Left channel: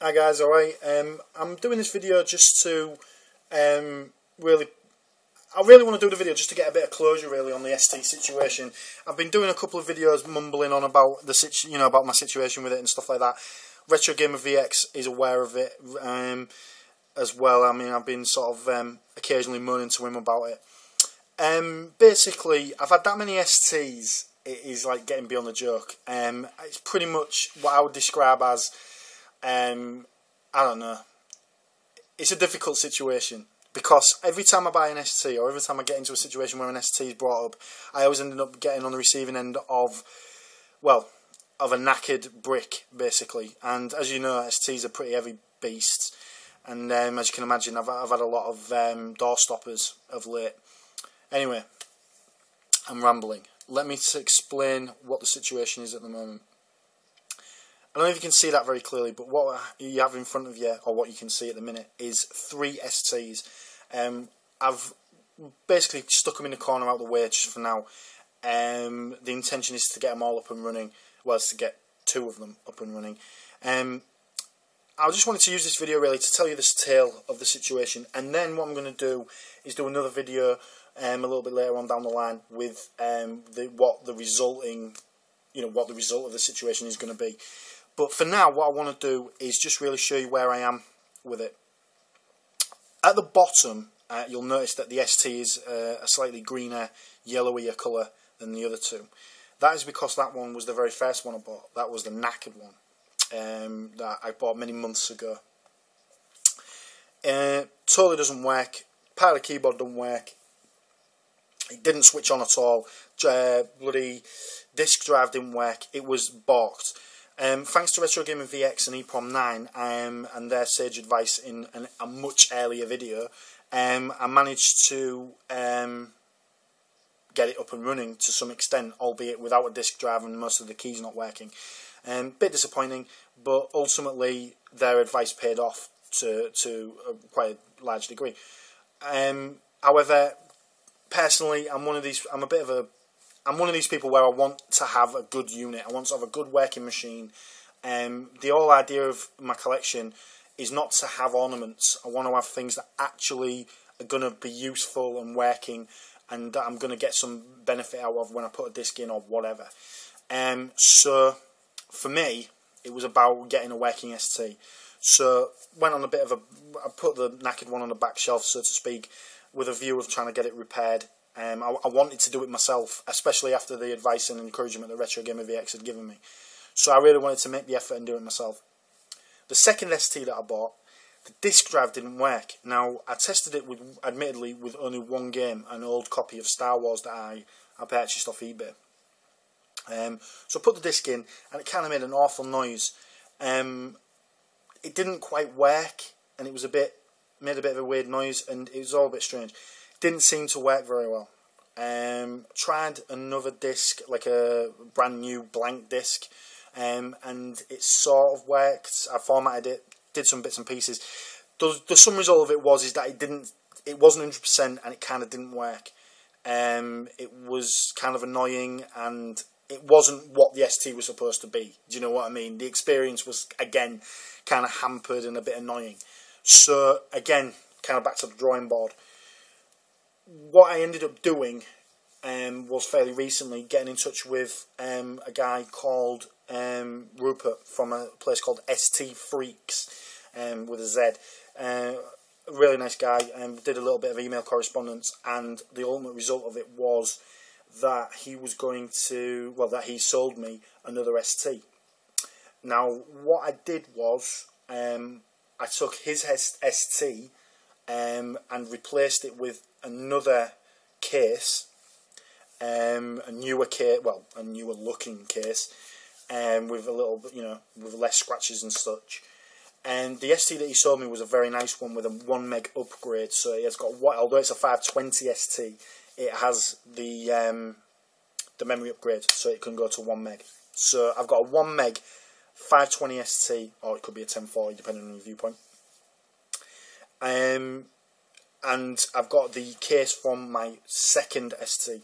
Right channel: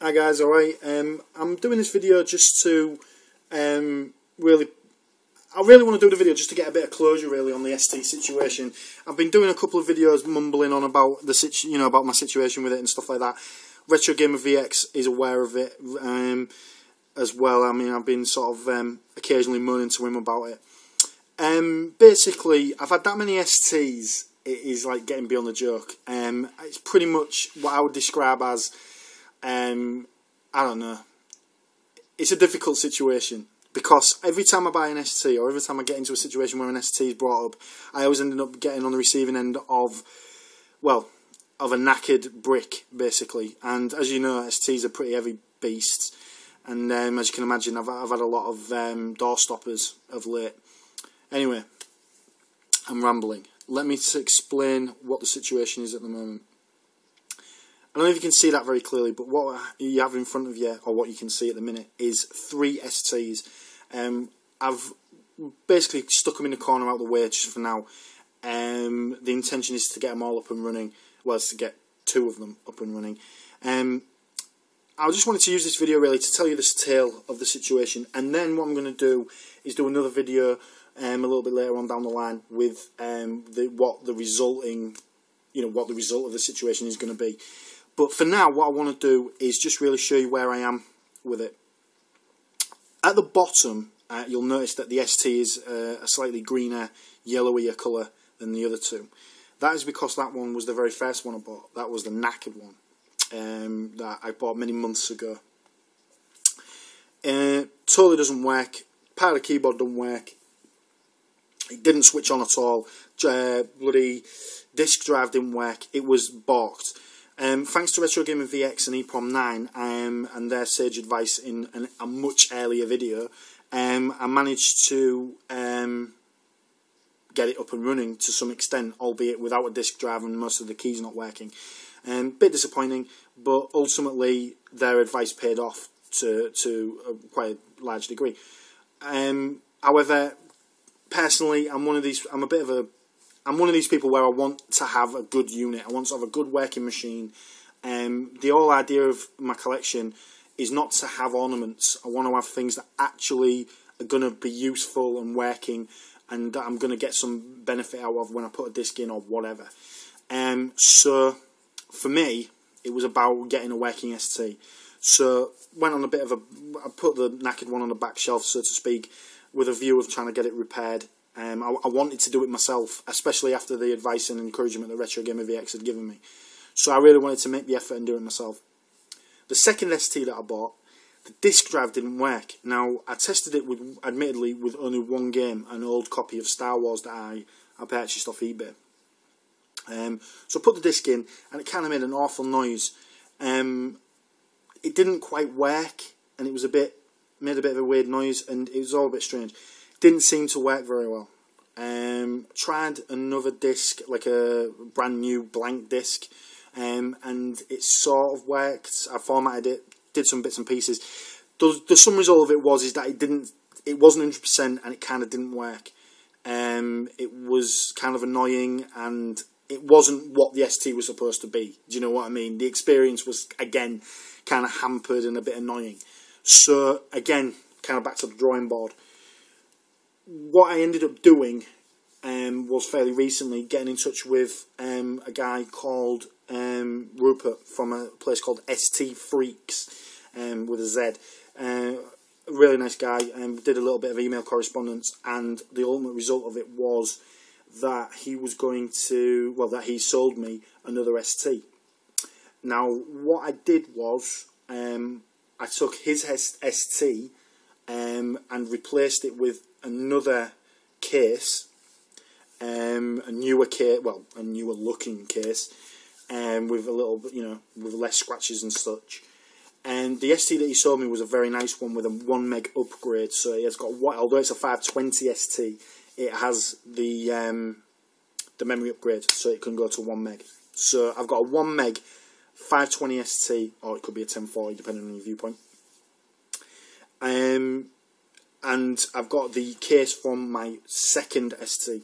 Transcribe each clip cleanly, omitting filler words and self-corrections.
Hi guys, alright. I'm doing this video just to really want to do the video just to get a bit of closure really on the ST situation. I've been doing a couple of videos mumbling on about the about my situation with it and stuff like that. Retro Gamer VX is aware of it as well. I mean, I've been sort of occasionally moaning to him about it. Basically, I've had that many STs. It is like getting beyond the joke. It's pretty much what I would describe as I don't know. It's a difficult situation because every time I buy an ST or every time I get into a situation where an ST is brought up, I always ended up getting on the receiving end of, well, of a knackered brick basically. And as you know, STs are pretty heavy beasts, and as you can imagine, I've had a lot of door stoppers of late. Anyway, I'm rambling. Let me explain what the situation is at the moment. I don't know if you can see that very clearly, but what you have in front of you, or what you can see at the minute, is 3 STs. I've basically stuck them in the corner out the way just for now. The intention is to get them all up and running. Well, it's to get 2 of them up and running. I just wanted to use this video really to tell you this tale of the situation, and then what I'm going to do is do another video a little bit later on down the line with what the result of the situation is going to be. But for now, what I want to do is just really show you where I am with it. At the bottom, you'll notice that the ST is a slightly greener, yellowier colour than the other 2. That is because that one was the very first one I bought. That was the knackered one that I bought many months ago. Totally doesn't work. Part of the keyboard doesn't work. It didn't switch on at all. Bloody disk drive didn't work. It was balked. Thanks to Retro Gamer VX and EEPROM 9 and their sage advice in a much earlier video, I managed to get it up and running to some extent, albeit without a disk drive and most of the keys not working. Bit disappointing, but ultimately their advice paid off to quite a large degree. However, personally, I'm one of these people where I want to have a good unit. I want to have a good working machine. The whole idea of my collection is not to have ornaments. I want to have things that actually are going to be useful and working, and that I'm going to get some benefit out of when I put a disc in or whatever. So for me, it was about getting a working ST. So went on I put the knackered one on the back shelf, so to speak, with a view of trying to get it repaired. I wanted to do it myself, especially after the advice and encouragement that Retro Gamer VX had given me. So I really wanted to make the effort and do it myself. The second ST that I bought, the disk drive didn't work. Now, I tested it admittedly with only one game, an old copy of Star Wars that I purchased off eBay. So I put the disc in, and it kind of made an awful noise. It didn't quite work, and it was made a bit of a weird noise, and it was all a bit strange. Didn't seem to work very well. Tried another disc, like a brand new blank disc, and it sort of worked. I formatted it, did some bits and pieces. The sum result of it was that it wasn't 100%, and it kind of didn't work. It was kind of annoying, and it wasn't what the ST was supposed to be. Do you know what I mean? The experience was again kind of hampered and a bit annoying. So again, kind of back to the drawing board. What I ended up doing was fairly recently getting in touch with a guy called Rupert from a place called ST Freaks with a Z. A really nice guy. Did a little bit of email correspondence, and the ultimate result of it was that he was going to, that he sold me another ST. Now, what I did was I took his ST and replaced it with another case, a newer looking case, with a little bit, with less scratches and such. And the ST that he sold me was a very nice one with a 1 meg upgrade. So it's got, although it's a 520 ST, it has the memory upgrade, so it can go to 1 meg. So I've got a 1 meg 520 ST, or it could be a 1040 depending on your viewpoint. And I've got the case from my second ST.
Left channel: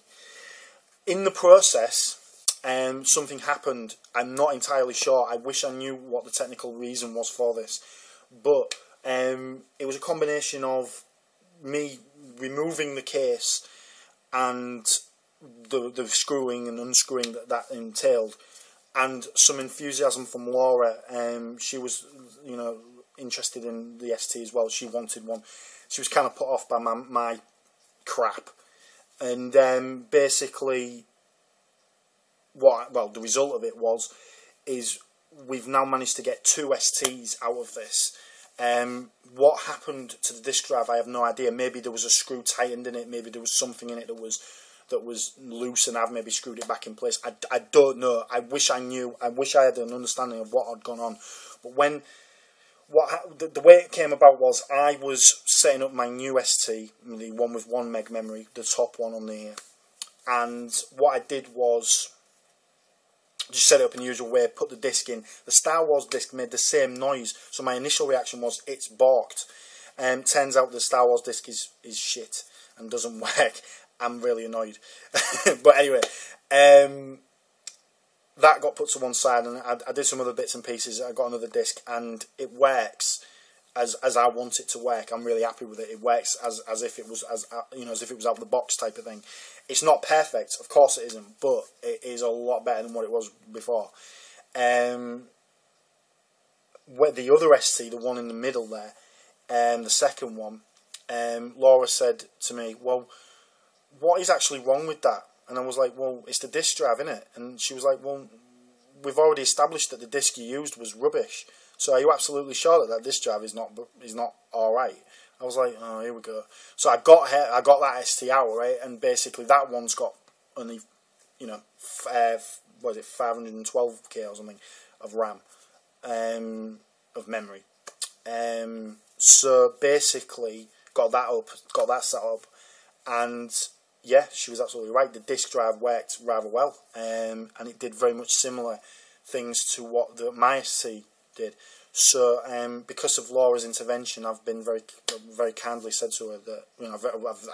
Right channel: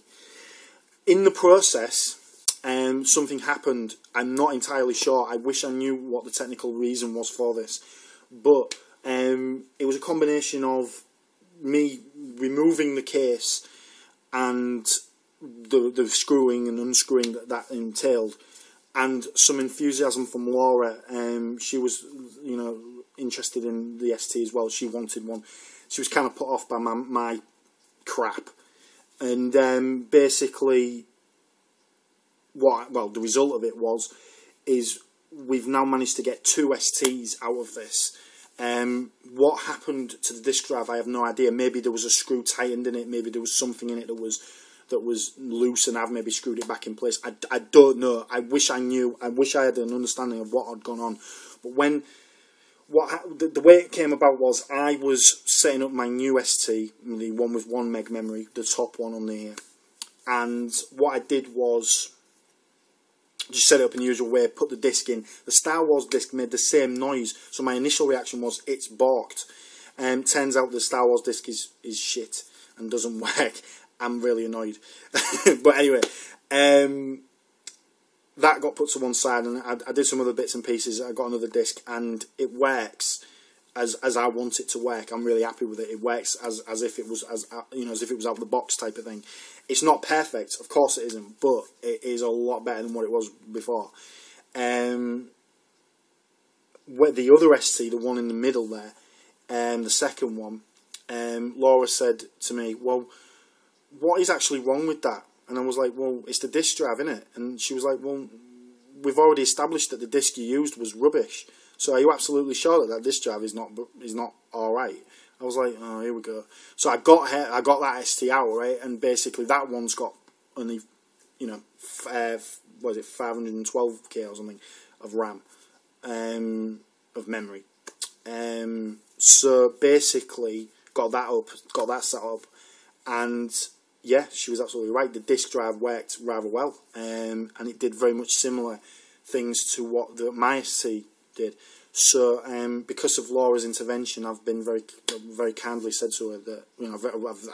In the process, something happened. I'm not entirely sure. I wish I knew what the technical reason was for this, but it was a combination of me removing the case and the screwing and unscrewing that entailed, and some enthusiasm from Laura. She was, you know, interested in the ST as well. She wanted one. She was kind of put off by my crap, and basically, the result of it is we've now managed to get 2 STs out of this. What happened to the disk drive, I have no idea. Maybe there was a screw tightened in it. Maybe there was something in it that was loose, and I've maybe screwed it back in place. I don't know. I wish I knew. I wish I had an understanding of what had gone on. But the way it came about was I was setting up my new ST, the one with 1 meg memory, the top one on there, and what I did was just set it up in the usual way, put the disc in. The Star Wars disc made the same noise, so my initial reaction was, it's balked. Turns out the Star Wars disc is shit and doesn't work. I'm really annoyed. But anyway, that got put to one side, and I did some other bits and pieces. I got another disc, and it works as I want it to work. I'm really happy with it. It works as if it was as if it was out of the box type of thing. It's not perfect, of course it isn't, but it is a lot better than what it was before. Where the other ST, the one in the middle there, the second one, Laura said to me, "Well, what is actually wrong with that?" And I was like, "Well, it's the disk drive, innit?" And she was like, "Well, we've already established that the disk you used was rubbish. So are you absolutely sure that disk drive is not all right?" I was like, "Oh, here we go." So I got that ST out, right, and basically that one's got only, 512k or something of RAM, of memory. So basically got that set up, and yeah, she was absolutely right. The disk drive worked rather well, and it did very much similar things to what my ST did. So, because of Laura's intervention, I've been very, very kindly said to her that,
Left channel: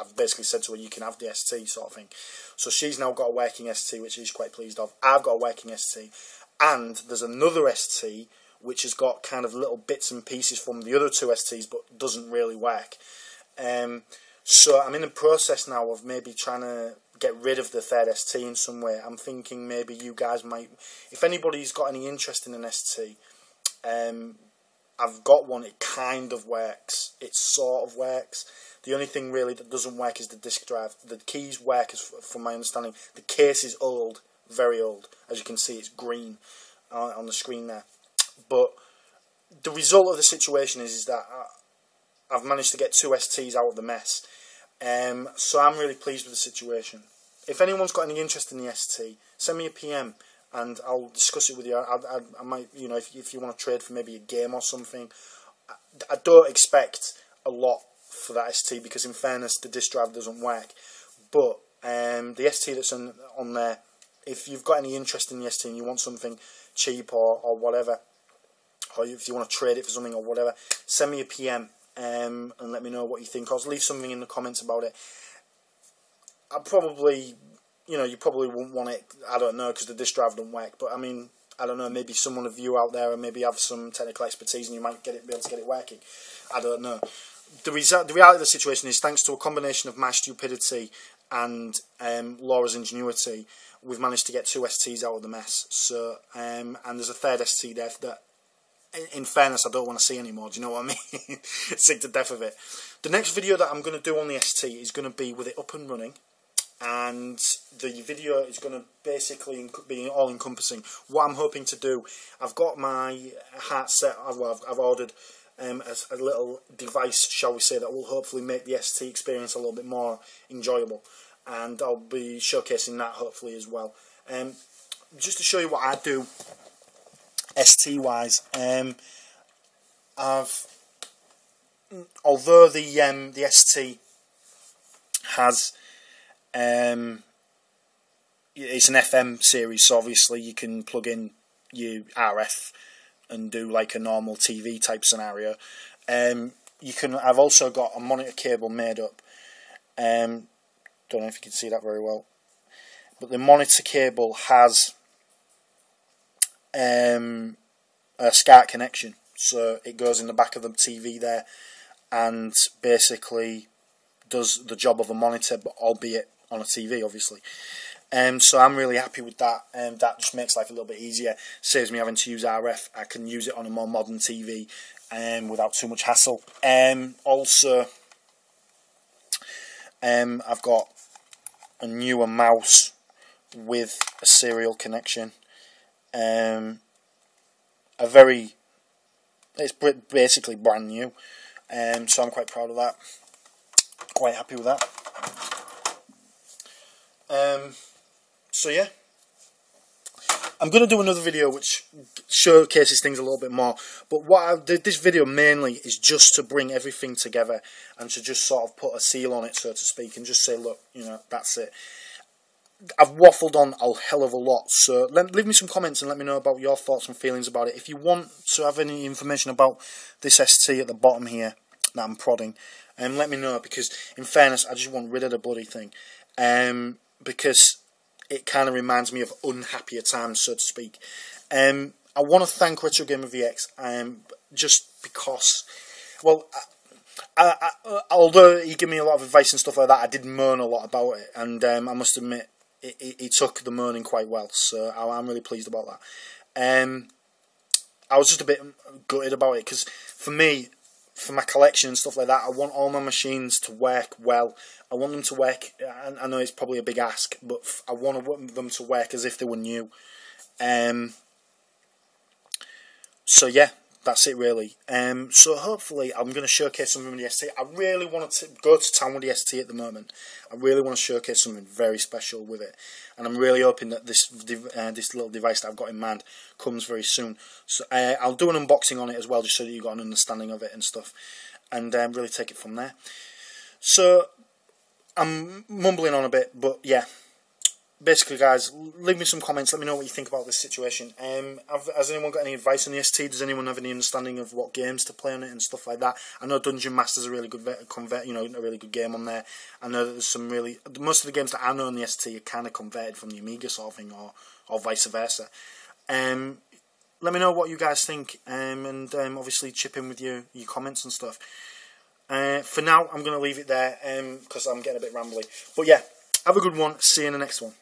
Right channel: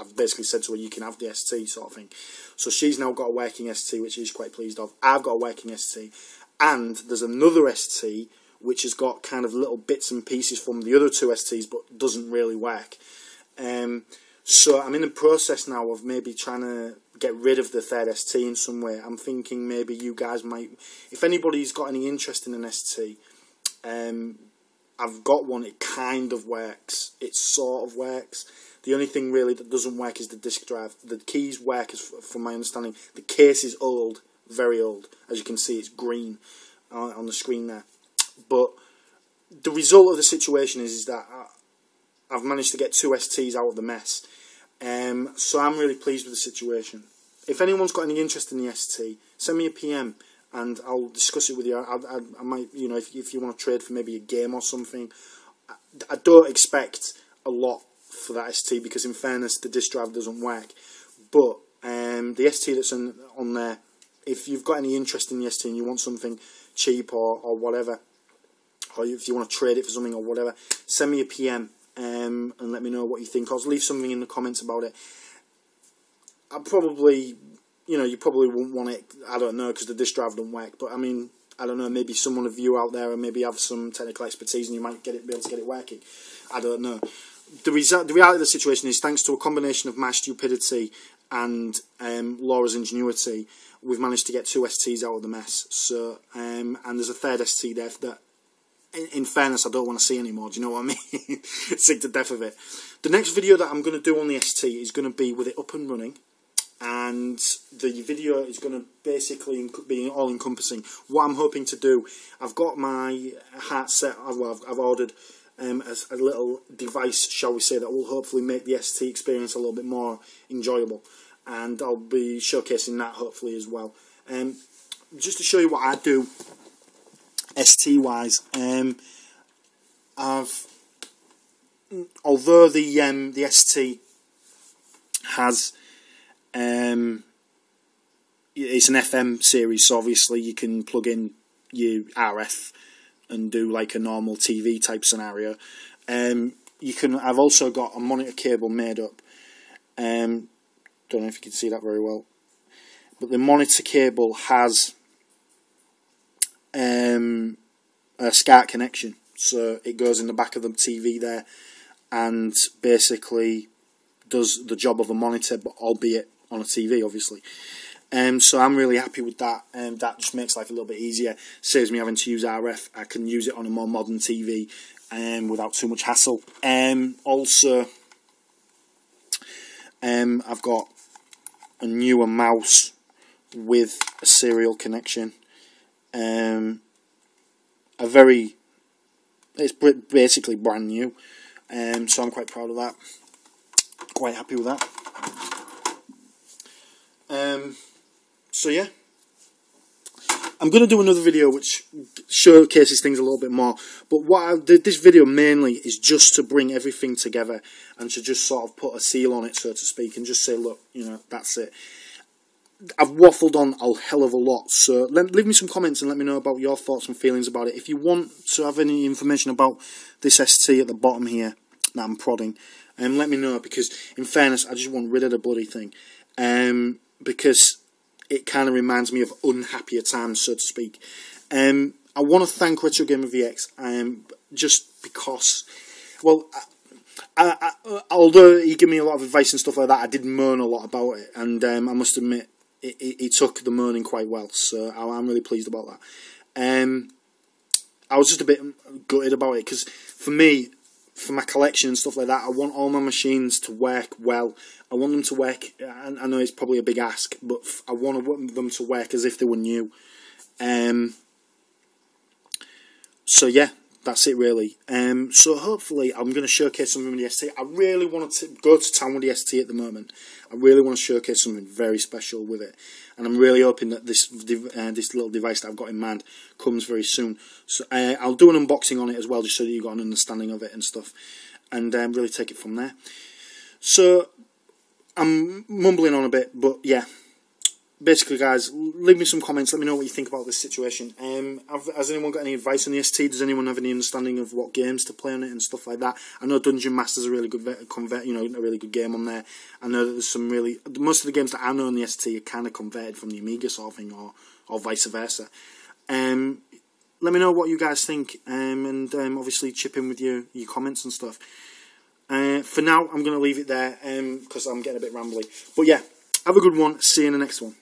I've basically said to her, you can have the ST sort of thing. So she's now got a working ST, which she's quite pleased of. I've got a working ST, and there's another ST which has got kind of little bits and pieces from the other 2 STs, but doesn't really work. So I'm in the process now of maybe trying to get rid of the third ST in some way. I'm thinking maybe you guys might, if anybody's got any interest in an ST, I've got one. It kind of works. It sort of works. The only thing really that doesn't work is the disk drive. The keys work, from my understanding. The case is old, very old. As you can see, it's green on the screen there. But the result of the situation is that I've managed to get 2 STs out of the mess. So I'm really pleased with the situation. If anyone's got any interest in the ST, send me a PM and I'll discuss it with you. I might, if you want to trade for maybe a game or something. I don't expect a lot for that ST because, in fairness, the disk drive doesn't work. But the ST that's on there, if you've got any interest in the ST and you want something cheap or whatever, or if you want to trade it for something or whatever, send me a PM. And let me know what you think, or leave something in the comments about it. I probably, you probably won't want it, I don't know, because the disk drive don't work, but I mean, I don't know, maybe someone of you out there and maybe have some technical expertise and you might be able to get it working. I don't know. The reality of the situation is, thanks to a combination of my stupidity and Laura's ingenuity, we've managed to get 2 STs out of the mess. So, and there's a third ST there that, in fairness, I don't want to see anymore. Do you know what I mean? Sick to death of it. The next video that I'm going to do on the ST is going to be with it up and running, and the video is going to basically be all-encompassing. What I'm hoping to do, I've got my heart set. I've ordered a little device, shall we say, that will hopefully make the ST experience a little bit more enjoyable, and I'll be showcasing that hopefully as well. Just to show you what I do ST wise, although the ST has it's an FM series, so obviously you can plug in your RF and do like a normal TV type scenario. I've also got a monitor cable made up. Don't know if you can see that very well, but the monitor cable has a SCART connection, so it goes in the back of the TV there, and basically does the job of a monitor, but albeit on a TV, obviously. So I'm really happy with that. That just makes life a little bit easier. Saves me having to use RF. I can use it on a more modern TV without too much hassle. Also, I've got a newer mouse with a serial connection. It's basically brand new. So I'm quite proud of that. Quite happy with that. So yeah, I'm going to do another video which showcases things a little bit more, but what I did this video mainly is just to bring everything together and to just sort of put a seal on it, so to speak, and just say, look, you know, that's it. I've waffled on a hell of a lot, so leave me some comments and let me know about your thoughts and feelings about it. If you want to have any information about this ST at the bottom here that I'm prodding, let me know, because in fairness, I just want rid of the bloody thing, because it kind of reminds me of unhappier times, so to speak. I want to thank Retro Gamer VX, just because, well, although he gave me a lot of advice and stuff like that, I did moan a lot about it, and I must admit, he took the moaning quite well, so I'm really pleased about that. I was just a bit gutted about it, because for me, for my collection and stuff like that, I want all my machines to work well. I want them to work, I know it's probably a big ask, but I want them to work as if they were new. So yeah, that's it really. So hopefully I'm going to showcase something with the ST. I really want to go to town with the ST at the moment. I really want to showcase something very special with it, and I'm really hoping that this little device that I've got in mind comes very soon. So I'll do an unboxing on it as well, just so that you've got an understanding of it and stuff, and really take it from there. So I'm mumbling on a bit, but yeah. Basically, guys, leave me some comments. Let me know what you think about this situation. Has anyone got any advice on the ST? Does anyone have any understanding of what games to play on it and stuff like that? I know Dungeon Master's a really good a really good game on there. I know that there's some most of the games that I know on the ST are kind of converted from the Amiga sort of thing, or vice versa. Let me know what you guys think, and obviously chip in with your comments and stuff. For now, I'm going to leave it there because I'm getting a bit rambly. But yeah, have a good one. See you in the next one.